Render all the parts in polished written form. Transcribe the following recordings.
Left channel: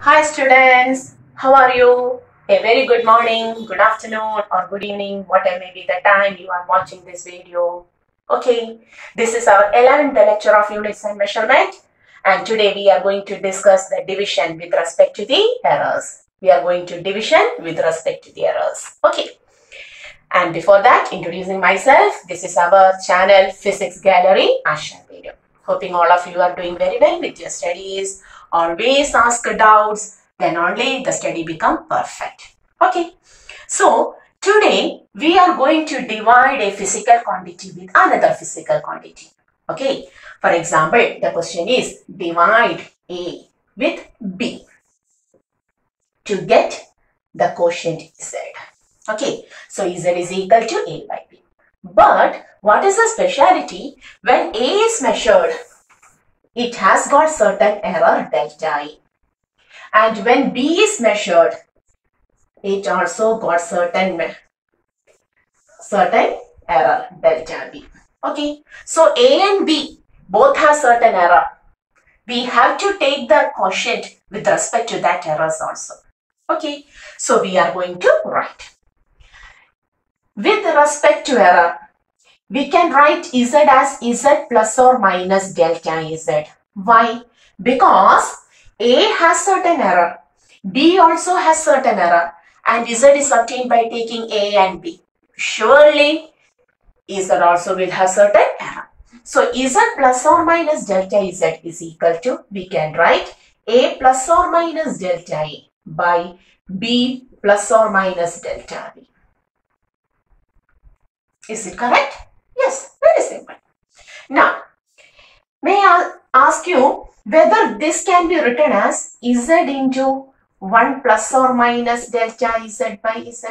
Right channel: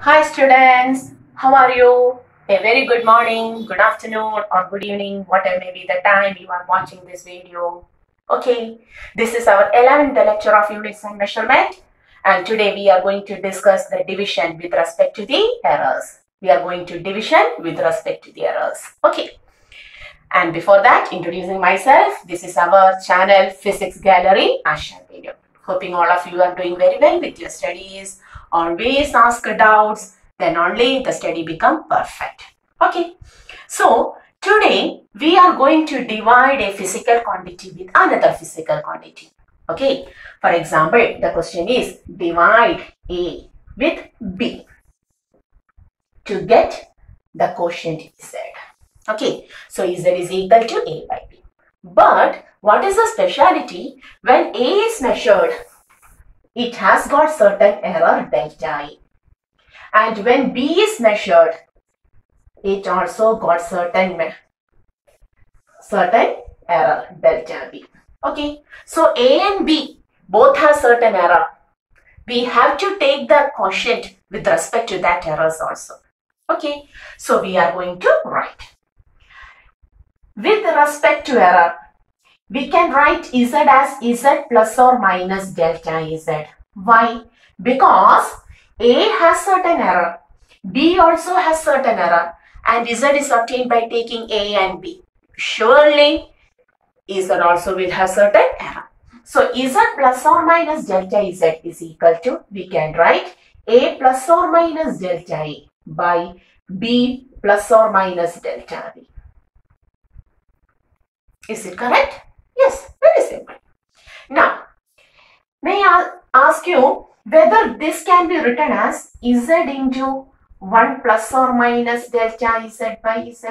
Hi students, how are you? A very good morning, good afternoon or good evening, whatever may be the time you are watching this video. Okay, this is our 11th lecture of units and measurement, and today we are going to discuss the division with respect to the errors. We are going to division with respect to the errors. Okay, and before that, introducing myself, this is our channel Physics Gallery Asha video. Hoping all of you are doing very well with your studies. Always ask doubts, then only the study become perfect. Okay, so today we are going to divide a physical quantity with another physical quantity. Okay, for example, the question is divide A with B to get the quotient Z. Okay, so Z is equal to A by B. But what is the speciality? When A is measured, it has got certain error delta E. And when B is measured, it also got certain error delta B. Okay, so A and B both have certain error. We have to take the quotient with respect to that errors also. Okay, so we are going to write. With respect to error, we can write Z as Z plus or minus delta Z. Why? Because A has certain error, B also has certain error, and Z is obtained by taking A and B. Surely, Z also will have certain error. So, Z plus or minus delta Z is equal to, we can write A plus or minus delta A by B plus or minus delta B. Is it correct? Yes, very simple. Now, may I ask you whether this can be written as Z into 1 plus or minus delta Z by Z?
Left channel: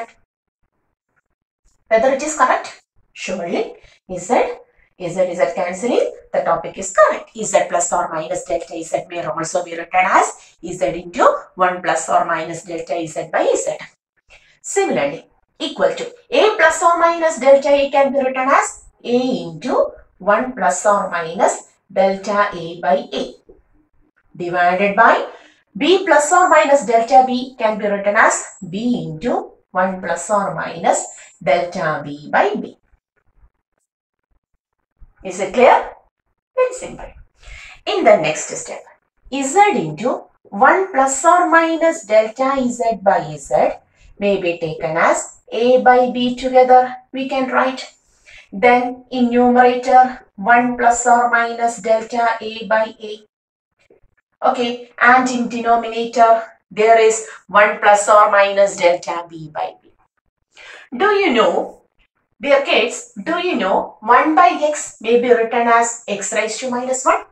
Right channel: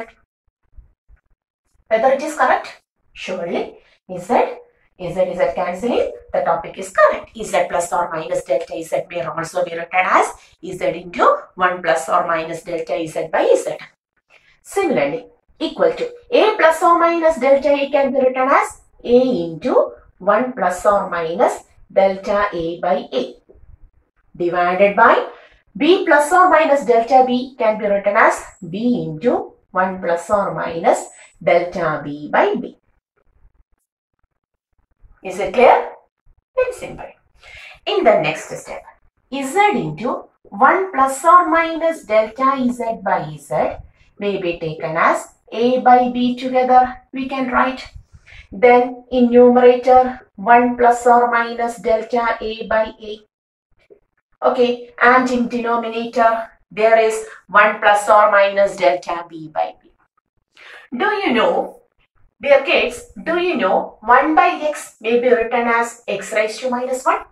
Whether it is correct? Surely, Z cancelling, the topic is correct. Z plus or minus delta Z may also be written as Z into 1 plus or minus delta Z by Z. Similarly, equal to A plus or minus delta A can be written as A into 1 plus or minus delta A by A divided by B plus or minus delta B can be written as B into 1 plus or minus delta B by B. Is it clear? Very simple. In the next step, Z into 1 plus or minus delta Z by Z may be taken as A by B together, we can write. Then in numerator 1 plus or minus delta A by A. Okay, and in denominator there is 1 plus or minus delta B by B. Do you know, dear kids, do you know 1 by x may be written as x raised to minus 1?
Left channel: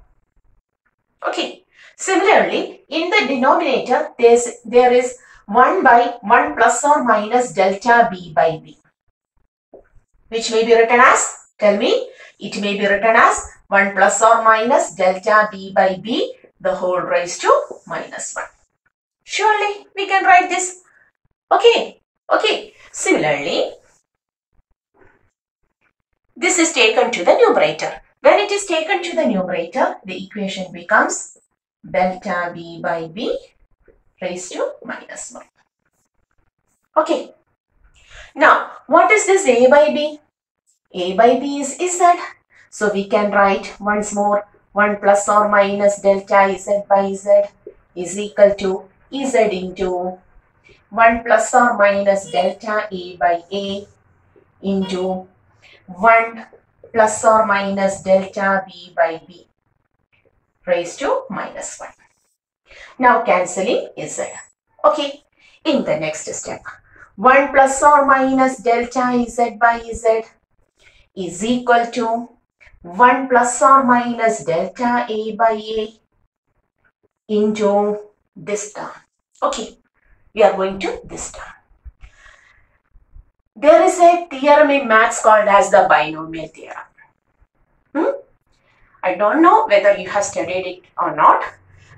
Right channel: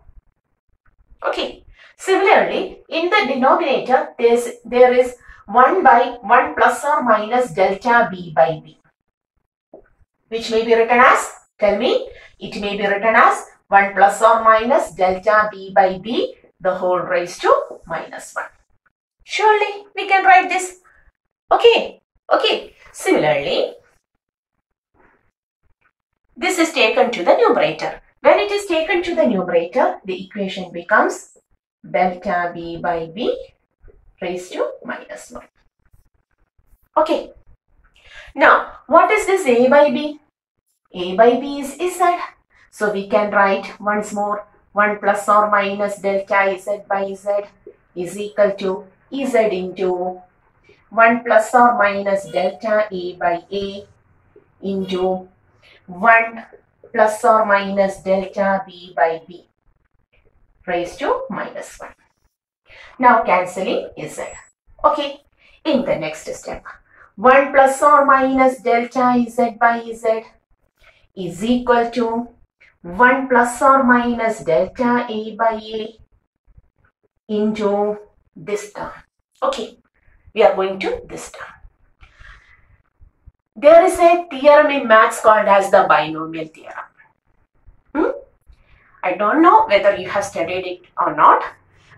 Okay, similarly in the denominator there is 1 by 1 plus or minus delta B by B, which may be written as, tell me, it may be written as 1 plus or minus delta B by B the whole raised to minus 1. Surely we can write this. Okay. Similarly, this is taken to the numerator. When it is taken to the numerator, the equation becomes delta B by B raised to minus 1. Okay. Now, what is this A by B? A by B is Z. So, we can write once more 1 plus or minus delta Z by Z is equal to Z into 1 plus or minus delta A by A into 1 plus or minus delta B by B raised to minus 1. Now cancelling Z. Okay, in the next step, 1 plus or minus delta Z by Z is equal to 1 plus or minus delta A by A into this term. Okay, we are going to this term. There is a theorem in maths called as the binomial theorem. I don't know whether you have studied it or not,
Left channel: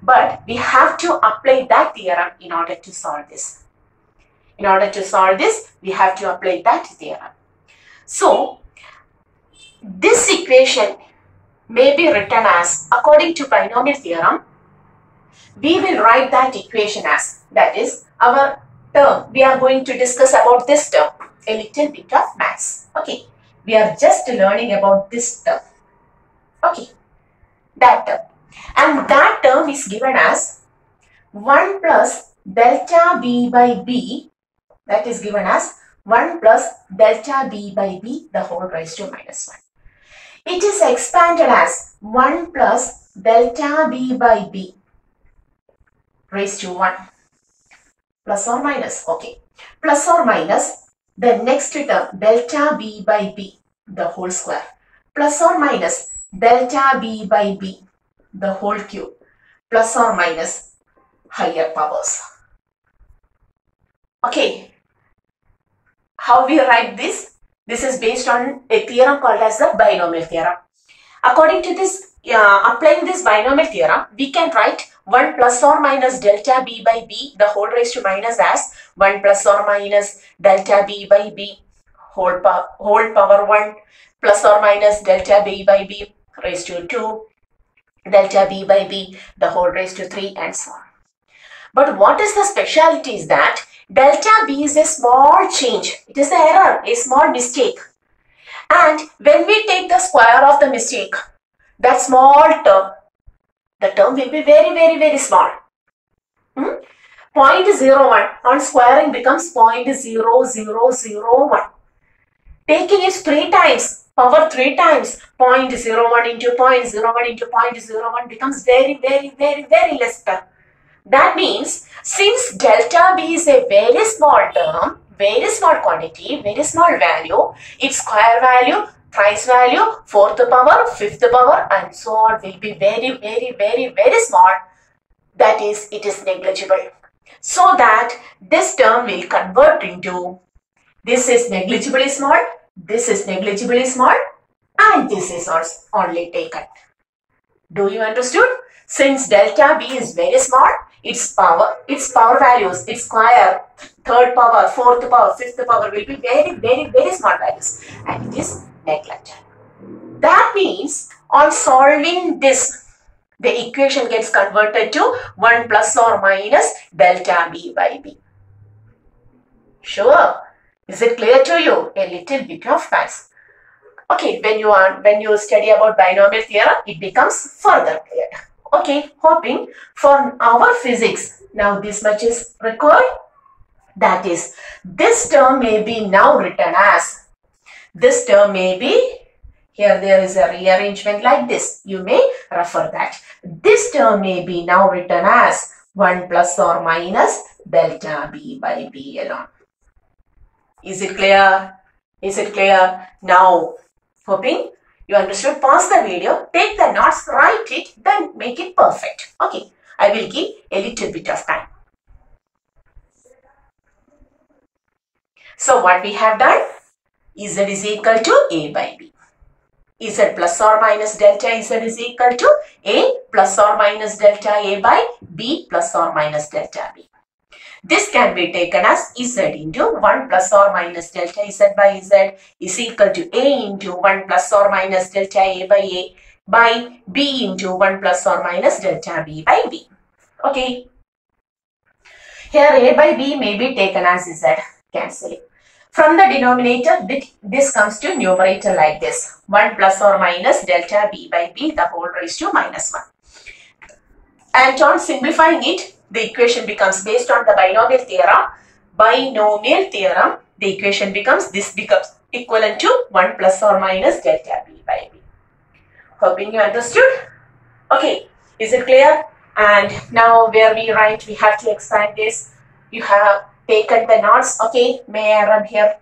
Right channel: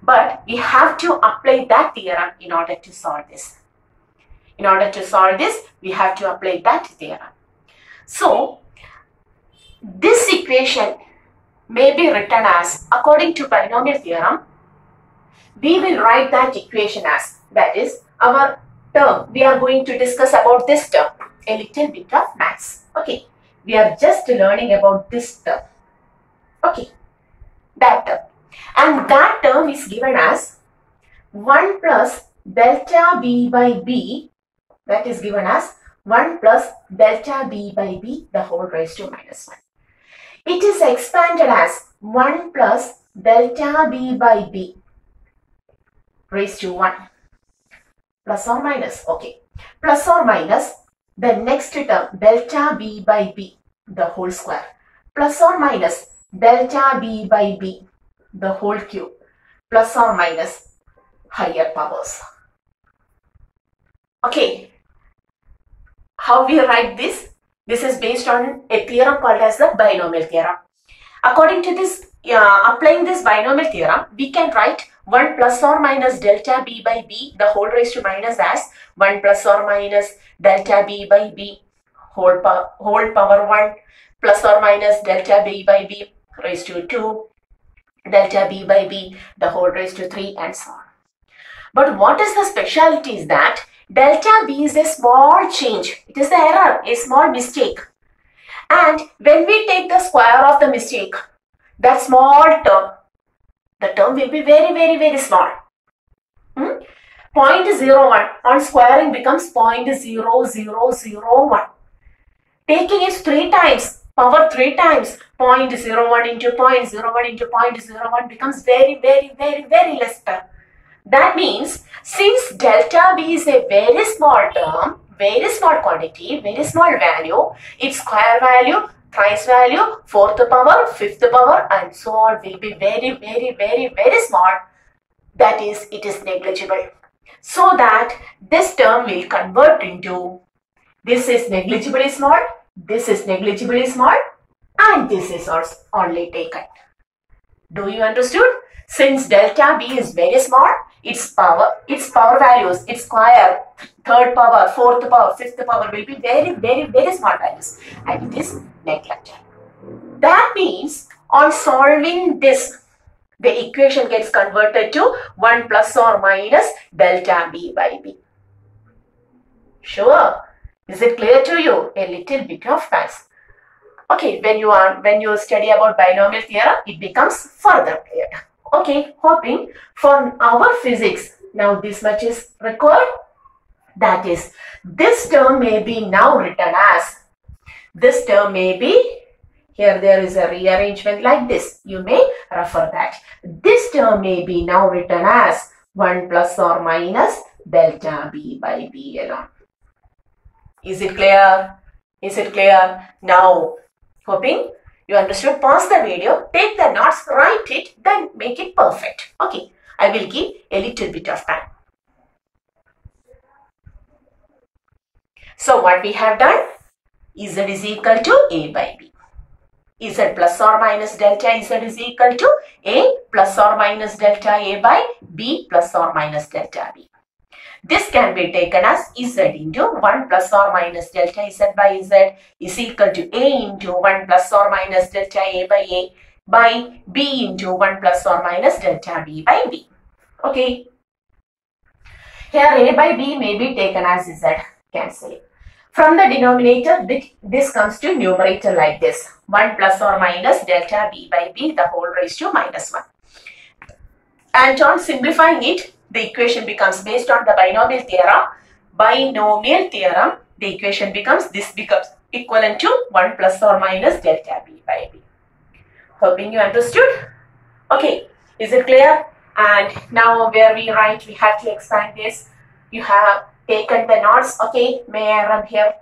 but we have to apply that theorem in order to solve this. In order to solve this, we have to apply that theorem. So, this equation may be written as, according to binomial theorem, we will write that equation as, that is our term. We are going to discuss about this term, a little bit of maths. Okay, we are just learning about this term. Okay, that term. And that term is given as 1 plus delta b by b, that is given as 1 plus delta b by b the whole raised to minus 1. It is expanded as 1 plus delta b by b raised to 1. Plus or minus, okay. Plus or minus the next term, delta b by b the whole square. Plus or minus delta b by b the whole cube. Plus or minus higher powers. Okay. How we write this? This is based on a theorem called as the binomial theorem. According to this, applying this binomial theorem, we can write 1 plus or minus delta b by b the whole raised to minus as 1 plus or minus delta b by b whole power 1 plus or minus delta b by b raised to 2 delta b by b the whole raised to 3 and so on. But what is the specialty is that delta b is a small change. It is the error, a small mistake. And when we take the square of the mistake, that small term, the term will be very, very, very small. 0.01 on squaring becomes 0.0001. Taking it 3 times, power 3 times, 0.01 into 0.01 into 0.01 becomes very, very, very, very less term. That means, since delta b is a very small term, very small quantity, very small value, its square value, thrice value, fourth power, fifth power and so on will be very, very, very, very small. That is, it is negligible. So that this term will convert into, this is negligibly small, this is negligibly small and this is only taken. Do you understood? Since delta b is very small, its power values, its square, third power, fourth power, fifth power will be very, very, very small values and it is neglected. That means on solving this, the equation gets converted to 1 plus or minus delta b by b. Sure. Is it clear to you? A little bit of maths. Okay, when you study about binomial theorem, it becomes further clear. Okay, hoping for our physics, now this much is required. That is, this term may be now written as, this term may be, here there is a rearrangement like this. You may refer that. This term may be now written as 1 plus or minus delta b by b alone. Is it clear? Is it clear? Now, hoping you understood. Pause the video, take the notes, write it, then make it perfect. Okay, I will give a little bit of time. So what we have done? Z is equal to A by B. Z plus or minus delta Z is equal to A plus or minus delta A by B plus or minus delta B. This can be taken as Z into 1 plus or minus delta Z by Z is equal to A into 1 plus or minus delta A by B into 1 plus or minus delta B by B. Okay. Here A by B may be taken as Z, cancelling. From the denominator, this comes to numerator like this. 1 plus or minus delta B by B the whole raised to minus 1. And on simplifying it, the equation becomes based on the binomial theorem. The equation becomes, this becomes equivalent to 1 plus or minus delta B by B. Hoping you understood. Okay, is it clear? And now where we write, we have to expand this. You have taken the notes. Okay, may I run here?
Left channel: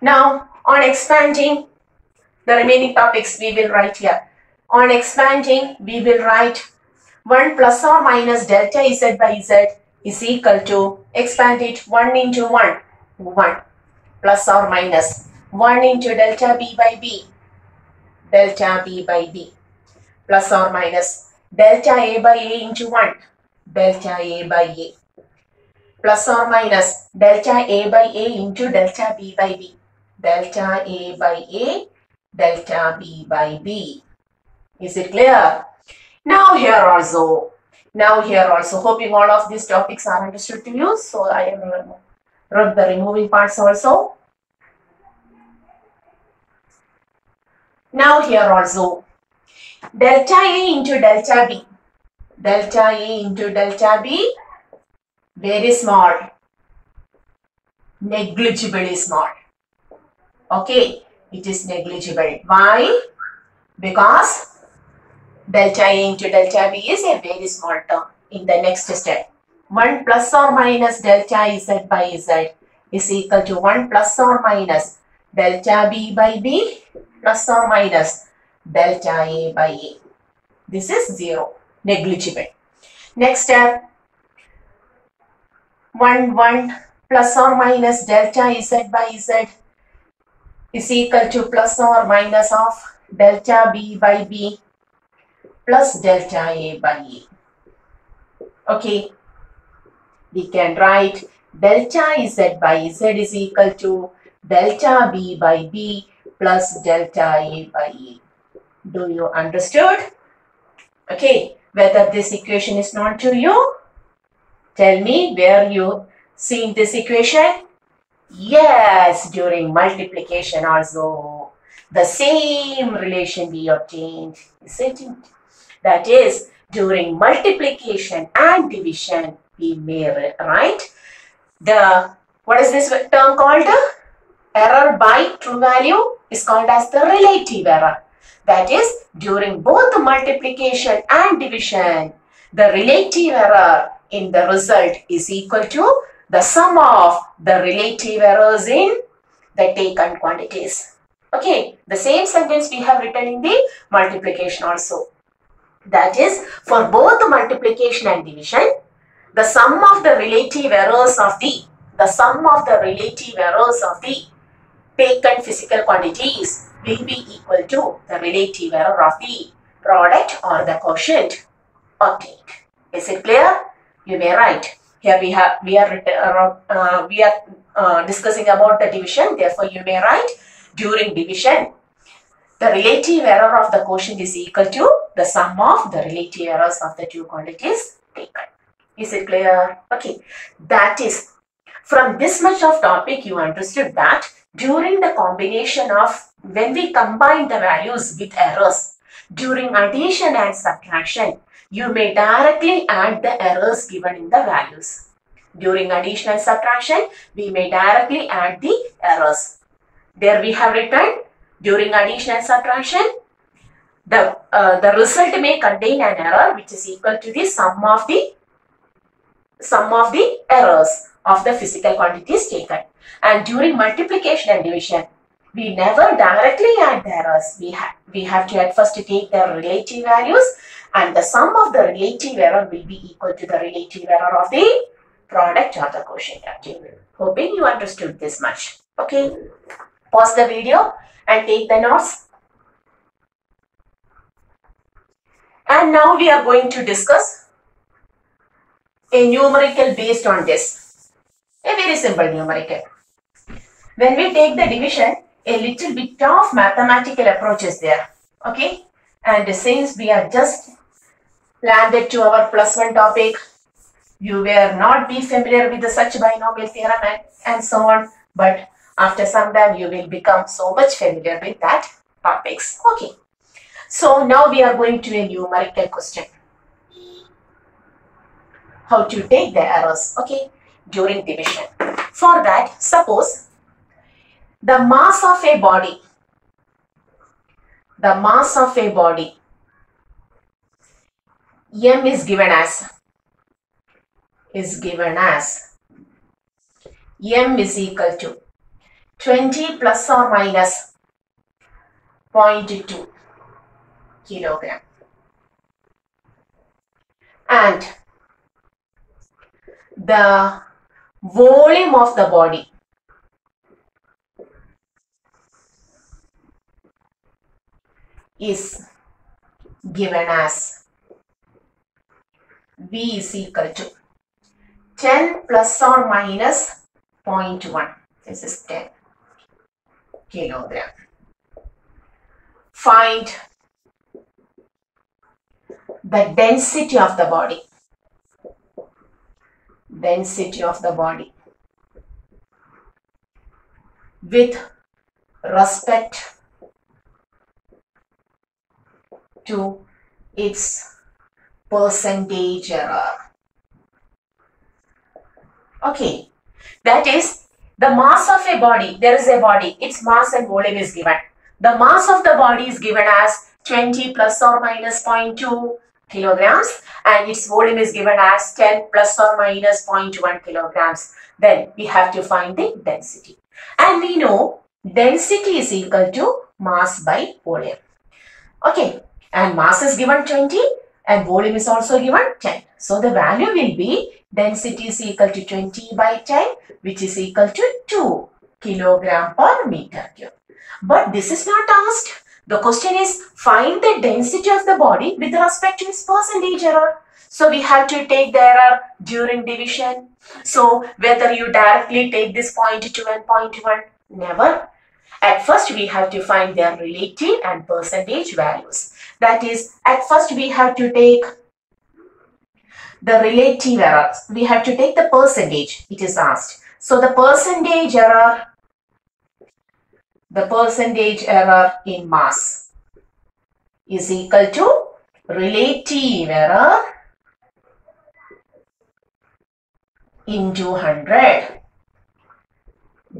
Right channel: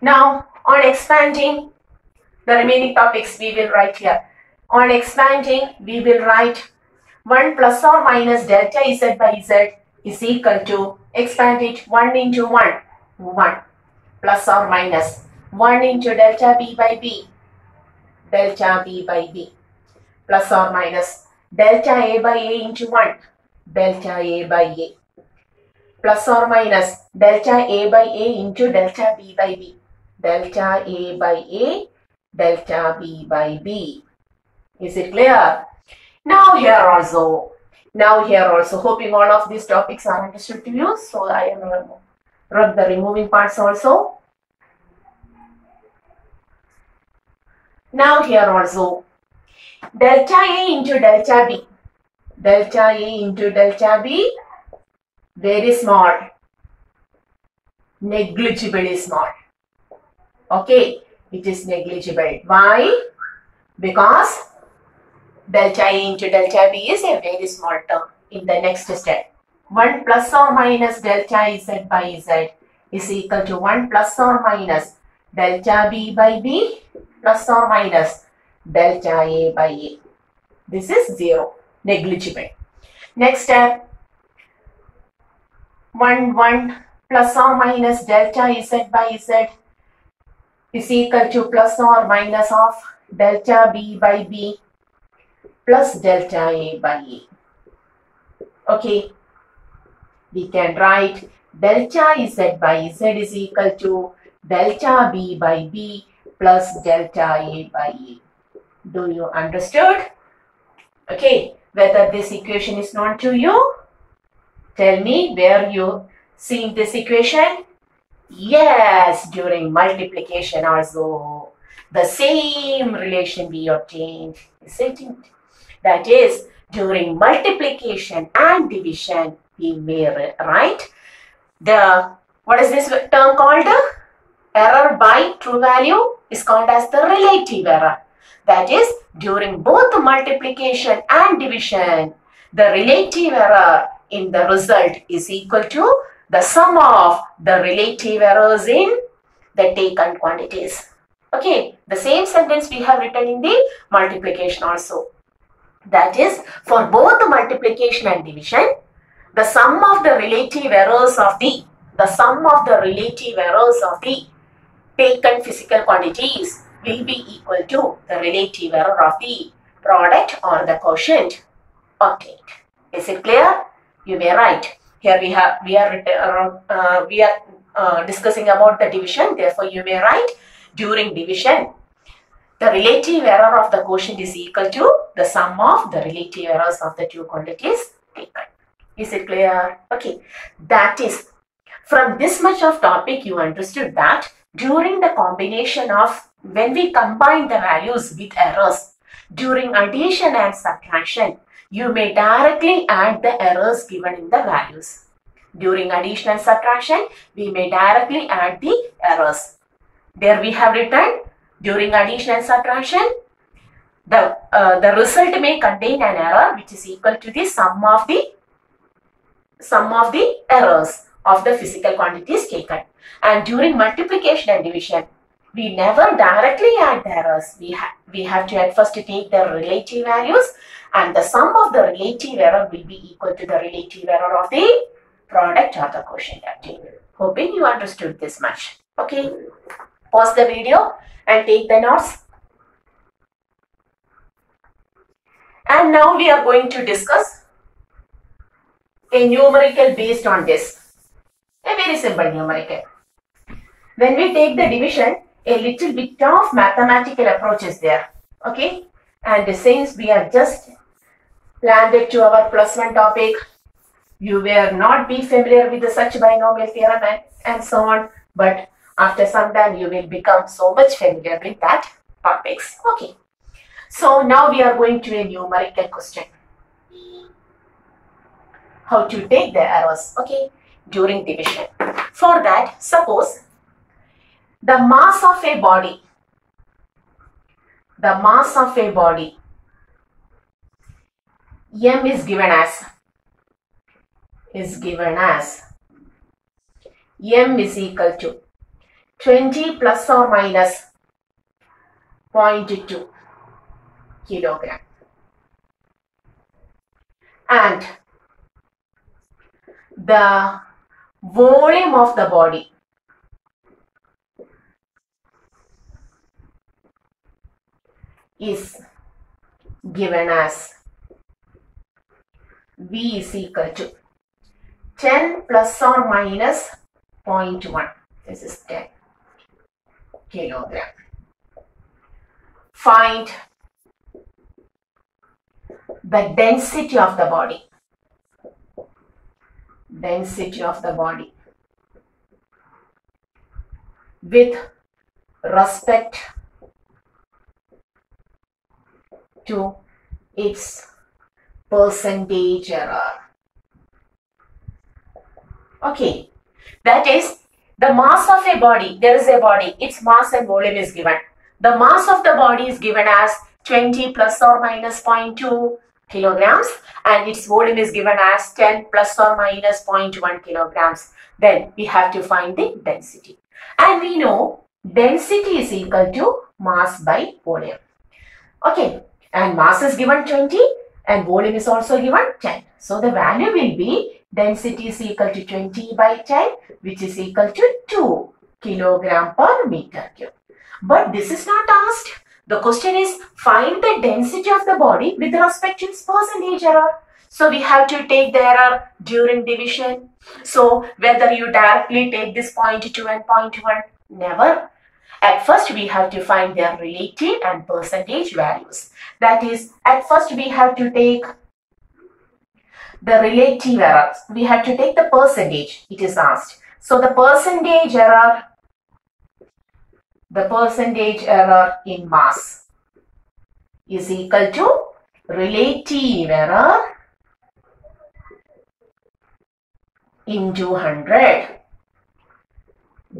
Now, on expanding, the remaining topics we will write here. On expanding, we will write 1 plus or minus delta Z by Z is equal to, expand it, 1 into 1, 1, plus or minus 1 into delta B by B, delta B by B, plus or minus delta A by A into 1, delta A by A, plus or minus delta A by A into delta B by B, delta A by A delta B by B. Is it clear? Now here also, hoping all of these topics are understood to you. So I will rub the removing parts also. Now here also, delta A into delta B. Delta A into delta B, very small, negligibly small. Okay, it is negligible. Why? Because delta A into delta B is a very small term in the next step. 1 plus or minus delta Z by Z is equal to 1 plus or minus delta B by B plus or minus delta A by A. This is 0, negligible. Next step, 1 plus or minus delta Z by Z is equal to plus or minus of delta B by B plus delta A by A. Okay, we can write delta Z by Z is equal to delta B by B plus delta A by A. Do you understood? Okay, whether this equation is known to you? Tell me where you seen this equation? Yes, during multiplication also the same relation we obtained, isn't it? That is, during multiplication and division we may write what is this term called? Error by true value is called as the relative error. That is, during both multiplication and division, the relative error in the result is equal to the sum of the relative errors in the taken quantities. Okay, the same sentence we have written in the multiplication also. That is, for both multiplication and division, the sum of the relative errors of the taken physical quantities will be equal to the relative error of the product or the quotient obtained. Is it clear? You may write. Here we are discussing about the division. Therefore, you may write during division, the relative error of the quotient is equal to the sum of the relative errors of the two quantities taken. Is it clear? Okay. That is, from this much of topic, you understood that during the combination of, when we combine the values with errors, during addition and subtraction, you may directly add the errors given in the values. During addition and subtraction, we may directly add the errors. There we have written, during addition and subtraction, the result may contain an error which is equal to the sum of the errors of the physical quantities taken. And during multiplication and division, we never directly add the errors. We have to at first take the relative values, and the sum of the relative error will be equal to the relative error of the product or the quotient obtained. Hoping you understood this much. Okay, pause the video and take the notes. And now we are going to discuss a numerical based on this. A very simple numerical. When we take the division, a little bit of mathematical approach is there. Okay, and since we are just landed to our +1 topic, you will not be familiar with such binomial theorem and so on, but after some time you will become so much familiar with that topics. Okay, so now we are going to a numerical question. How to take the errors, okay, during division. For that, suppose the mass of a body, M is given as M is equal to 20 plus or minus 0.2 kilogram, and the volume of the body is given as V is equal to 10 plus or minus 0.1. This is 10 kilogram. find the density of the body. Density of the body with respect to its percentage error. Okay, that is the mass of a body. There is a body, its mass and volume is given. The mass of the body is given as 20 plus or minus 0.2 kilograms and its volume is given as 10 plus or minus 0.1 kilograms. Then we have to find the density. And we know density is equal to mass by volume. Okay, and mass is given 20 and volume is also given 10. So the value will be density is equal to 20 by 10, which is equal to 2 kilogram per meter cube. But this is not asked. The question is find the density of the body with respect to its percentage error. So we have to take the error during division. So whether you directly take this 0.2 and 0.1, never. At first we have to find their relative and percentage values. That is, at first we have to take the relative errors. We have to take the percentage, it is asked. So the percentage error in mass is equal to relative error into 100.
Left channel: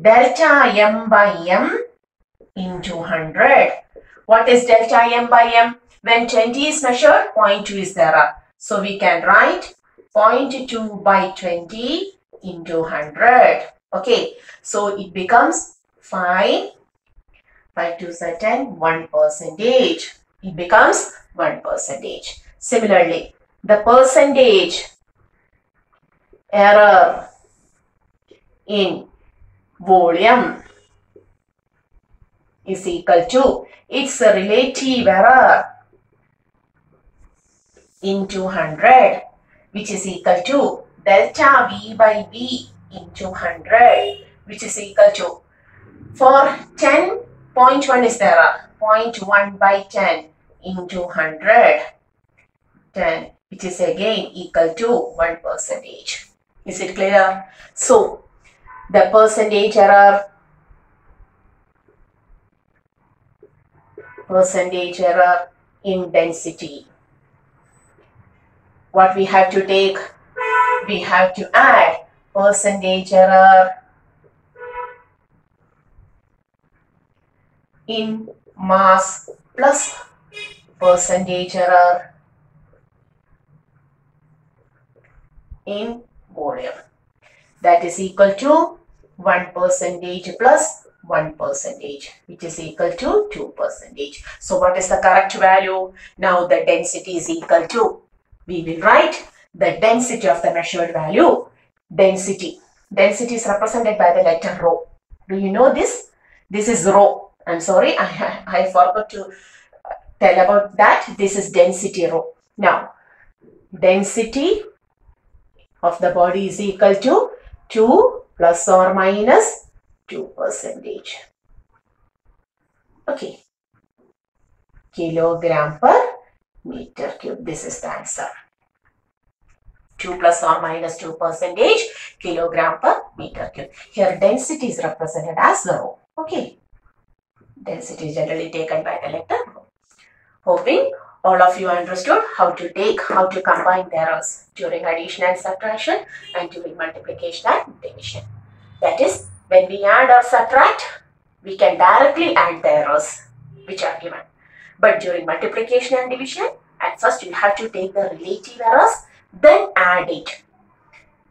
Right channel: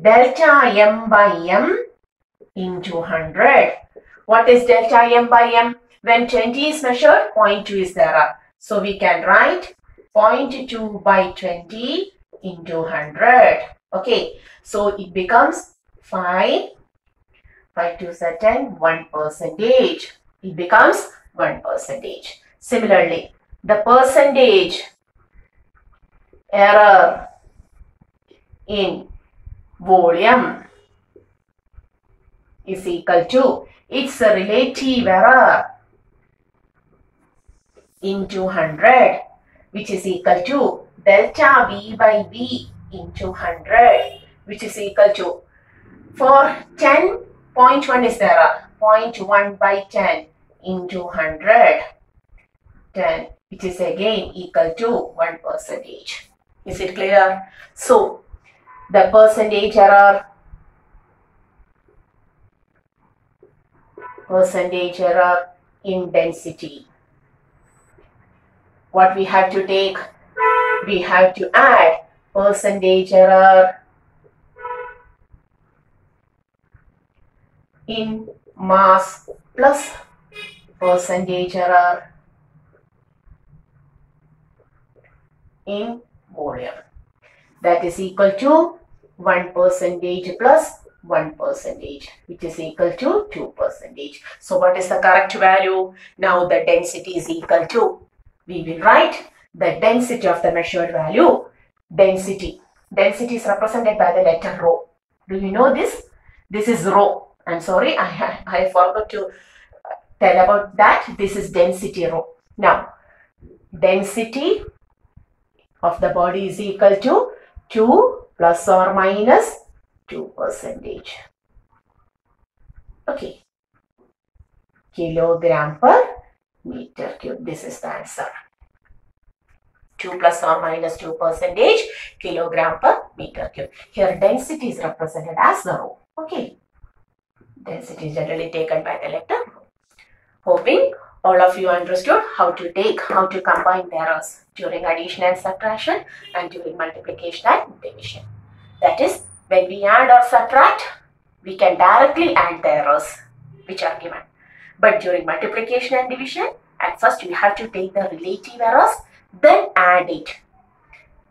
Delta m by m into 100. What is delta m by m? When 20 is measured, 0.2 is the error. So we can write 0.2 by 20 into 100. Okay, so it becomes 5 2s are 10, 1%. It becomes 1%. Similarly, the percentage error in volume is equal to its relative error into 100, which is equal to delta V by V into 100, which is equal to, for 10, 0.1 is the error, 0.1 by 10 into 100, 10, which is again equal to 1%. Is it clear? So, the percentage error in density. What we have to take? We have to add percentage error in mass plus percentage error in volume. That is equal to 1% plus 1%, which is equal to 2%. So what is the correct value? Now the density is equal to, we will write the density of the measured value. Density is represented by the letter rho. Do you know this? This is rho. I'm sorry, I forgot to tell about that. This is density rho. Now, density of the body is equal to 2 plus or minus 2%. Okay. Kilogram per meter cube. This is the answer. 2 plus or minus 2% kilogram per meter cube. Here density is represented as the rho. Okay. Density is generally taken by the letter rho. Hoping all of you understood how to combine the errors during addition and subtraction and during multiplication and division. That is, when we add or subtract, we can directly add the errors which are given. But during multiplication and division, at first we have to take the relative errors, then add it.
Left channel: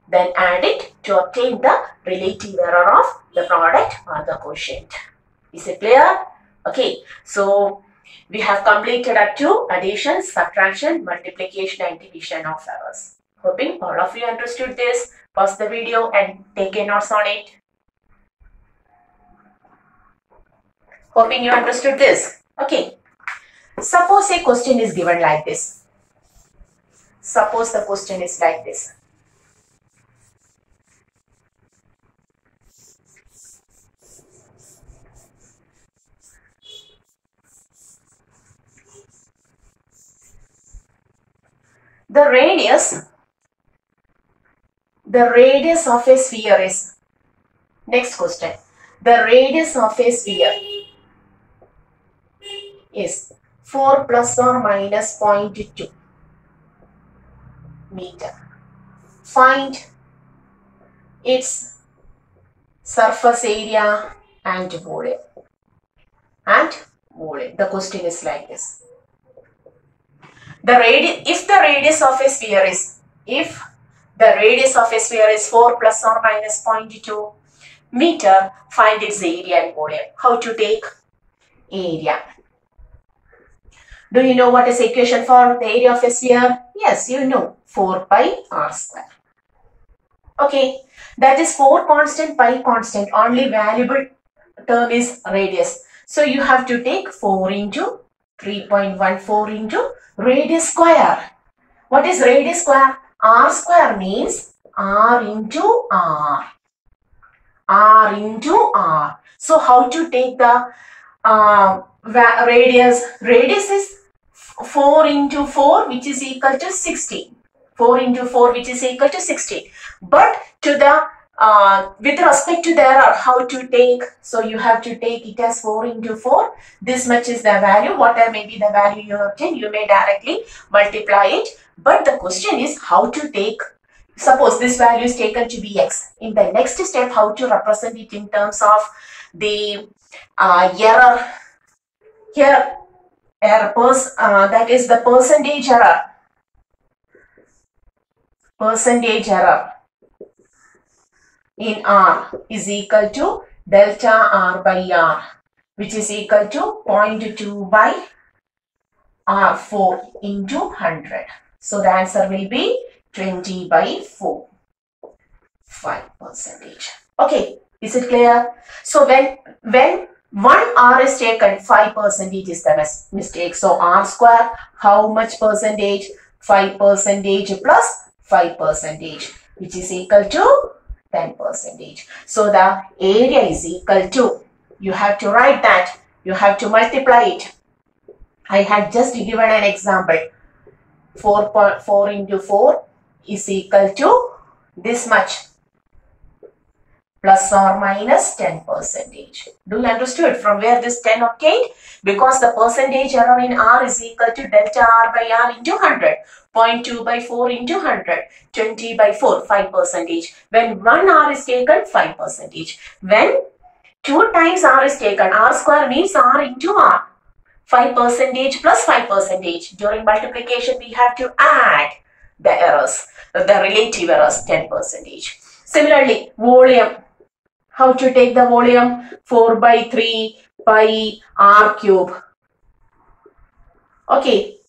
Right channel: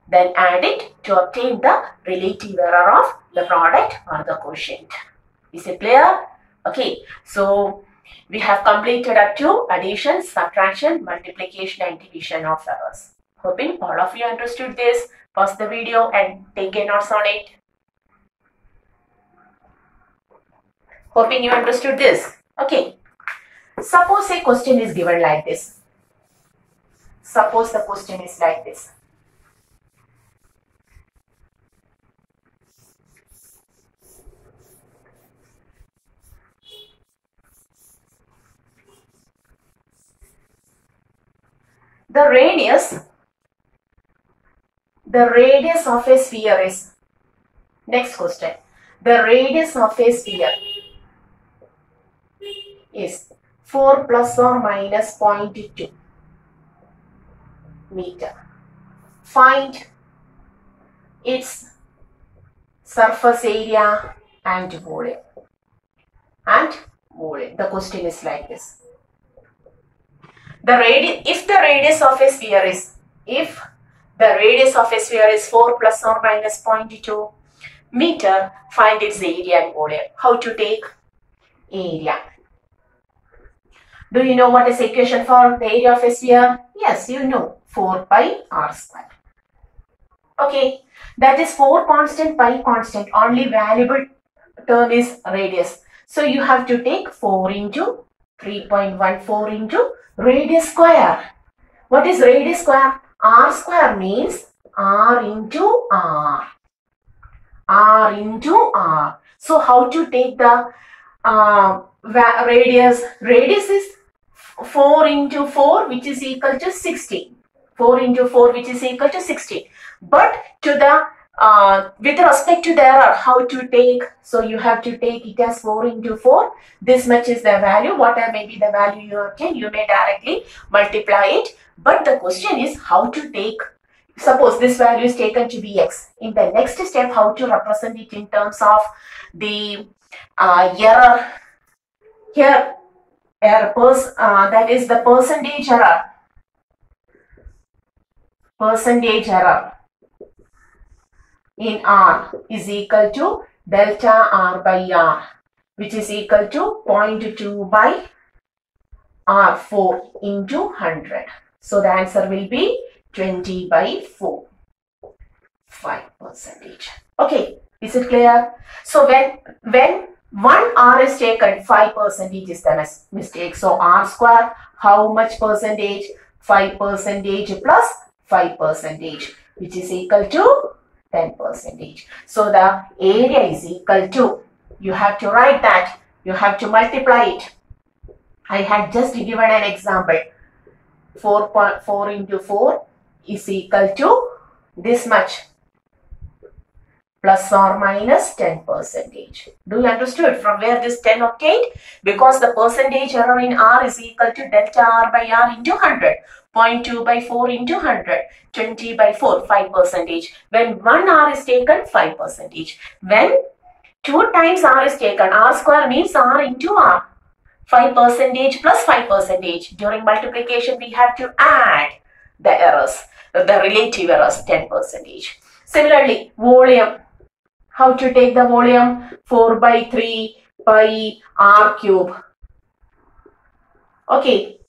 Then add it to obtain the relative error of the product or the quotient. Is it clear? Okay, so we have completed up to addition, subtraction, multiplication and division of errors. Hoping all of you understood this. Pause the video and take a notes on it. Hoping you understood this. Okay. Suppose a question is given like this. Suppose the question is like this. the radius of a sphere is, next question, the radius of a sphere is 4 plus or minus 0.2 meter. Find its surface area and volume. The question is like this. If the radius of a sphere is 4 plus or minus 0.2 meter, find its area and volume. How to take area? Do you know what is the equation for the area of a sphere? Yes, you know, 4 pi r square. Okay, that is 4 constant, pi constant. Only variable term is radius. So you have to take 4 into 3.14 into radius square. What is radius square? R square means R into R. R into R. So how to take the radius? Radius is 4 into 4, which is equal to 60. 4 into 4, which is equal to 60. But to the with respect to the error, how to take? So you have to take it as 4 into 4. This much is the value. Whatever may be the value you obtain, you may directly multiply it. But the question is how to take. Suppose this value is taken to be x. In the next step, how to represent it in terms of the error. Here, that is the percentage error. Percentage error in R is equal to delta R by R, which is equal to 0.2 by R4 into 100. So the answer will be 20 by 4, 5%. Okay, is it clear? So when 1 R is taken, 5% is the mistake. So R square, how much percentage? 5% plus 5%, which is equal to 10%. So the area is equal to, you have to write that, you have to multiply it. I had just given an example. 4 into 4 is equal to this much, plus or minus 10%. Do you understood from where this 10 obtained? Because the percentage error in R is equal to delta R by R into 100. 0.2 by 4 into 100. 20 by 4, 5%. When 1 R is taken, 5%. When 2 times R is taken, R square means R into R. 5% plus 5%. During multiplication, we have to add the errors, the relative errors, 10%. Similarly, volume. How to take the volume? 4 by 3 pi R cube. Okay.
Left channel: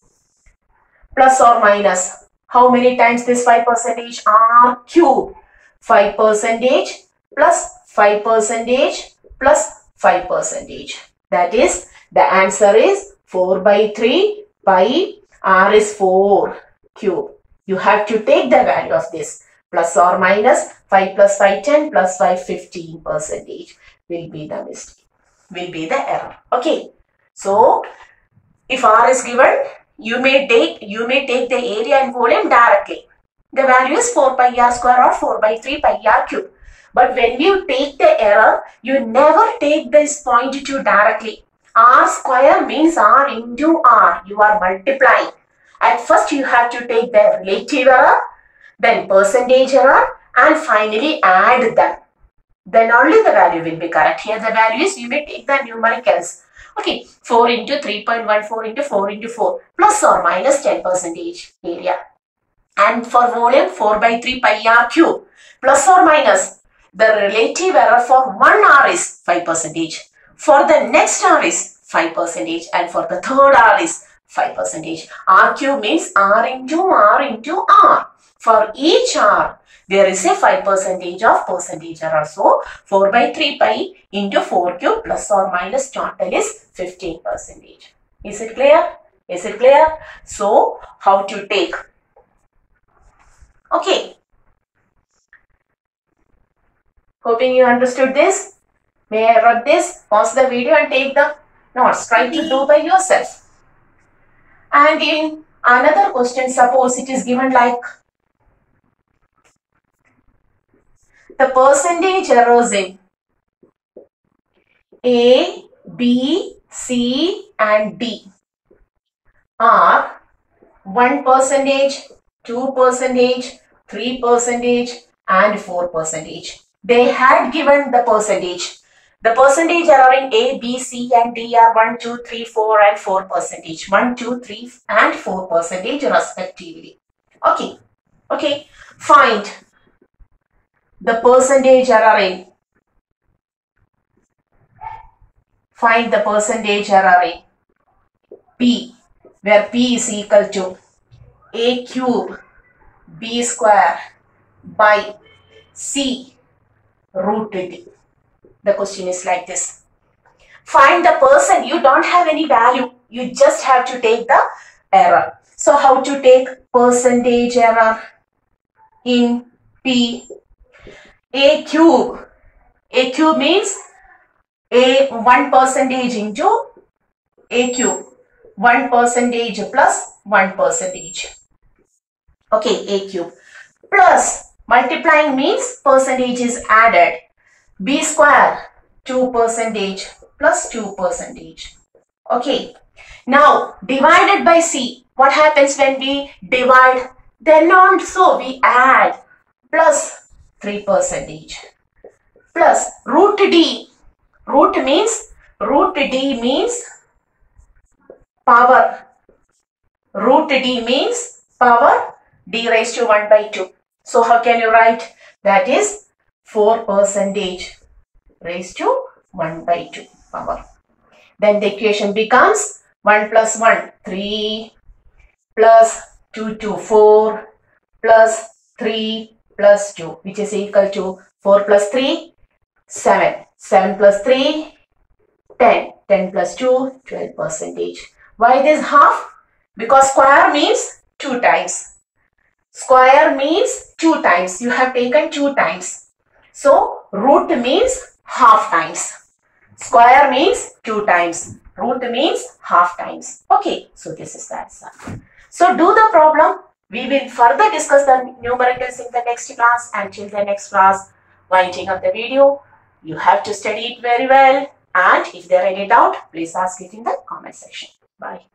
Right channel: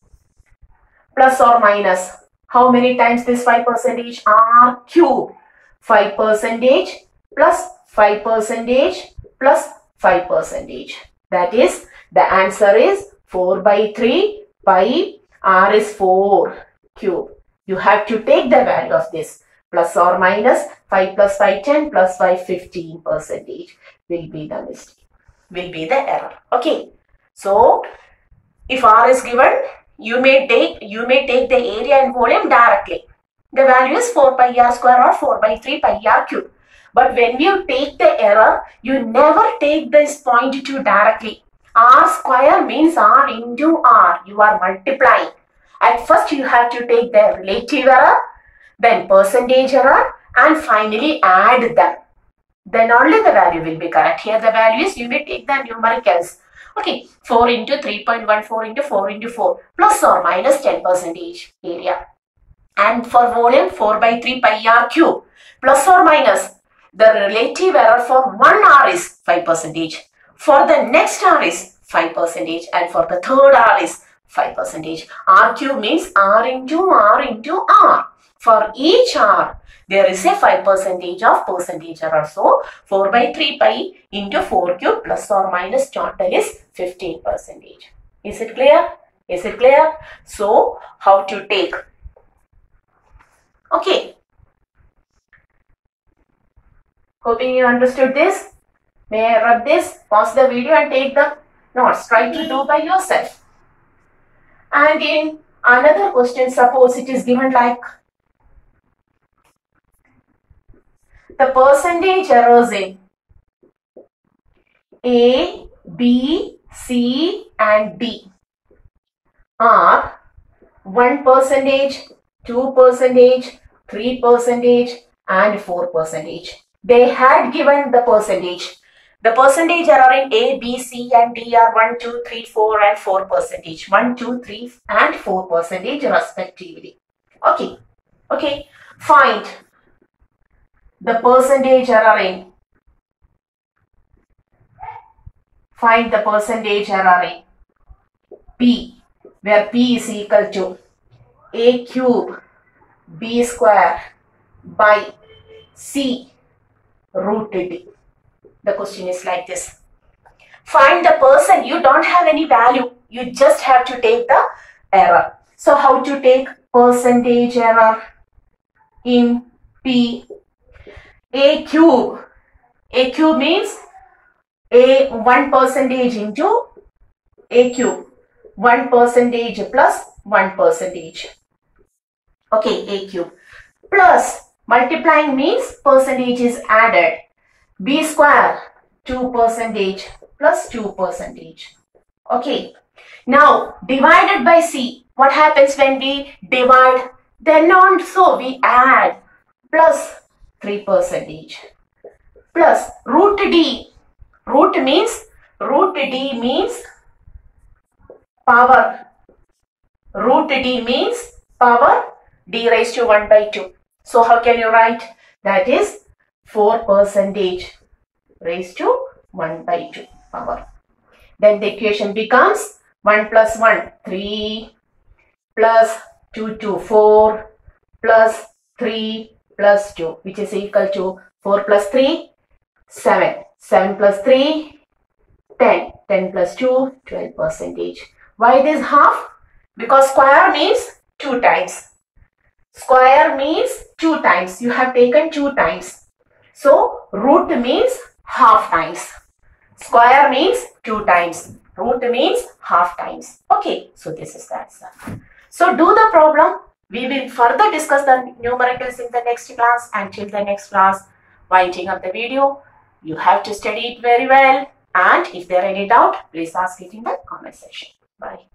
Plus or minus. How many times this 5%? R cube. 5% plus 5% plus 5%. That is, the answer is 4 by 3 pi R is 4 cube. You have to take the value of this. Plus or minus 5 plus 5, 10 plus 5, 15% will be the mistake, will be the error. Okay. So, if R is given, you may take the area and volume directly. The value is 4 pi R square or 4 by 3 pi R cube. But when you take the error, you never take this 0.2 directly. R square means R into R. You are multiplying. At first, you have to take the relative error, then percentage error, and finally add them. Then only the value will be correct. Here the values, you may take the numericals. Okay, 4 into 3.14 into 4 into 4, plus or minus 10% area. And for volume, 4 by 3 pi R cube, plus or minus. The relative error for 1 R is 5%. For the next R is 5%. And for the third R is 5%. R cube means R into R into R. For each R, there is a 5% of percentage error. So, 4 by 3 pi into 4 cube plus or minus total is 15%. Is it clear? Is it clear? So, how to take? Okay. Hoping you understood this. May I rub this? Pause the video and take the notes. Try to do by yourself. And in Another question, suppose it is given like the percentage errors in A, B, C and D are 1%, 2%, 3% and 4%. They had given the percentage. The percentage error in A, B, C and D are 1, 2, 3, 4 and 4%. 1, 2, 3 and 4% respectively. Okay. Find the percentage error in. Find the percentage error in P, where P is equal to A cube B square by C root D. The question is like this. Find the percent. You don't have any value. You just have to take the error. So how to take percentage error in P? A cube. A cube means 1% into A cube. 1% plus 1%. Okay, A cube. Plus multiplying means percentage is added. B square 2% plus 2%. Okay. Now divided by C. What happens when we divide? Then also we add plus 3% plus root D. Root D means power. Root D means power. D raised to 1 by 2. So how can you write? That is 4% raised to 1 by 2 power. Then the equation becomes 1 plus 1, 3 plus 2, 2, 4 plus 3 plus 2, which is equal to 4 plus 3, 7. 7 plus 3, 10. 10 plus 2, 12%. Why this half? Because square means 2 times. Square means 2 times. You have taken 2 times. So root means half times. Square means 2 times. Root means half times. Okay, so this is the answer. So do the problem. We will further discuss the numericals in the next class. Until the next class, winding up the video, you have to study it very well. And if there are any doubt, please ask it in the comment section. Bye.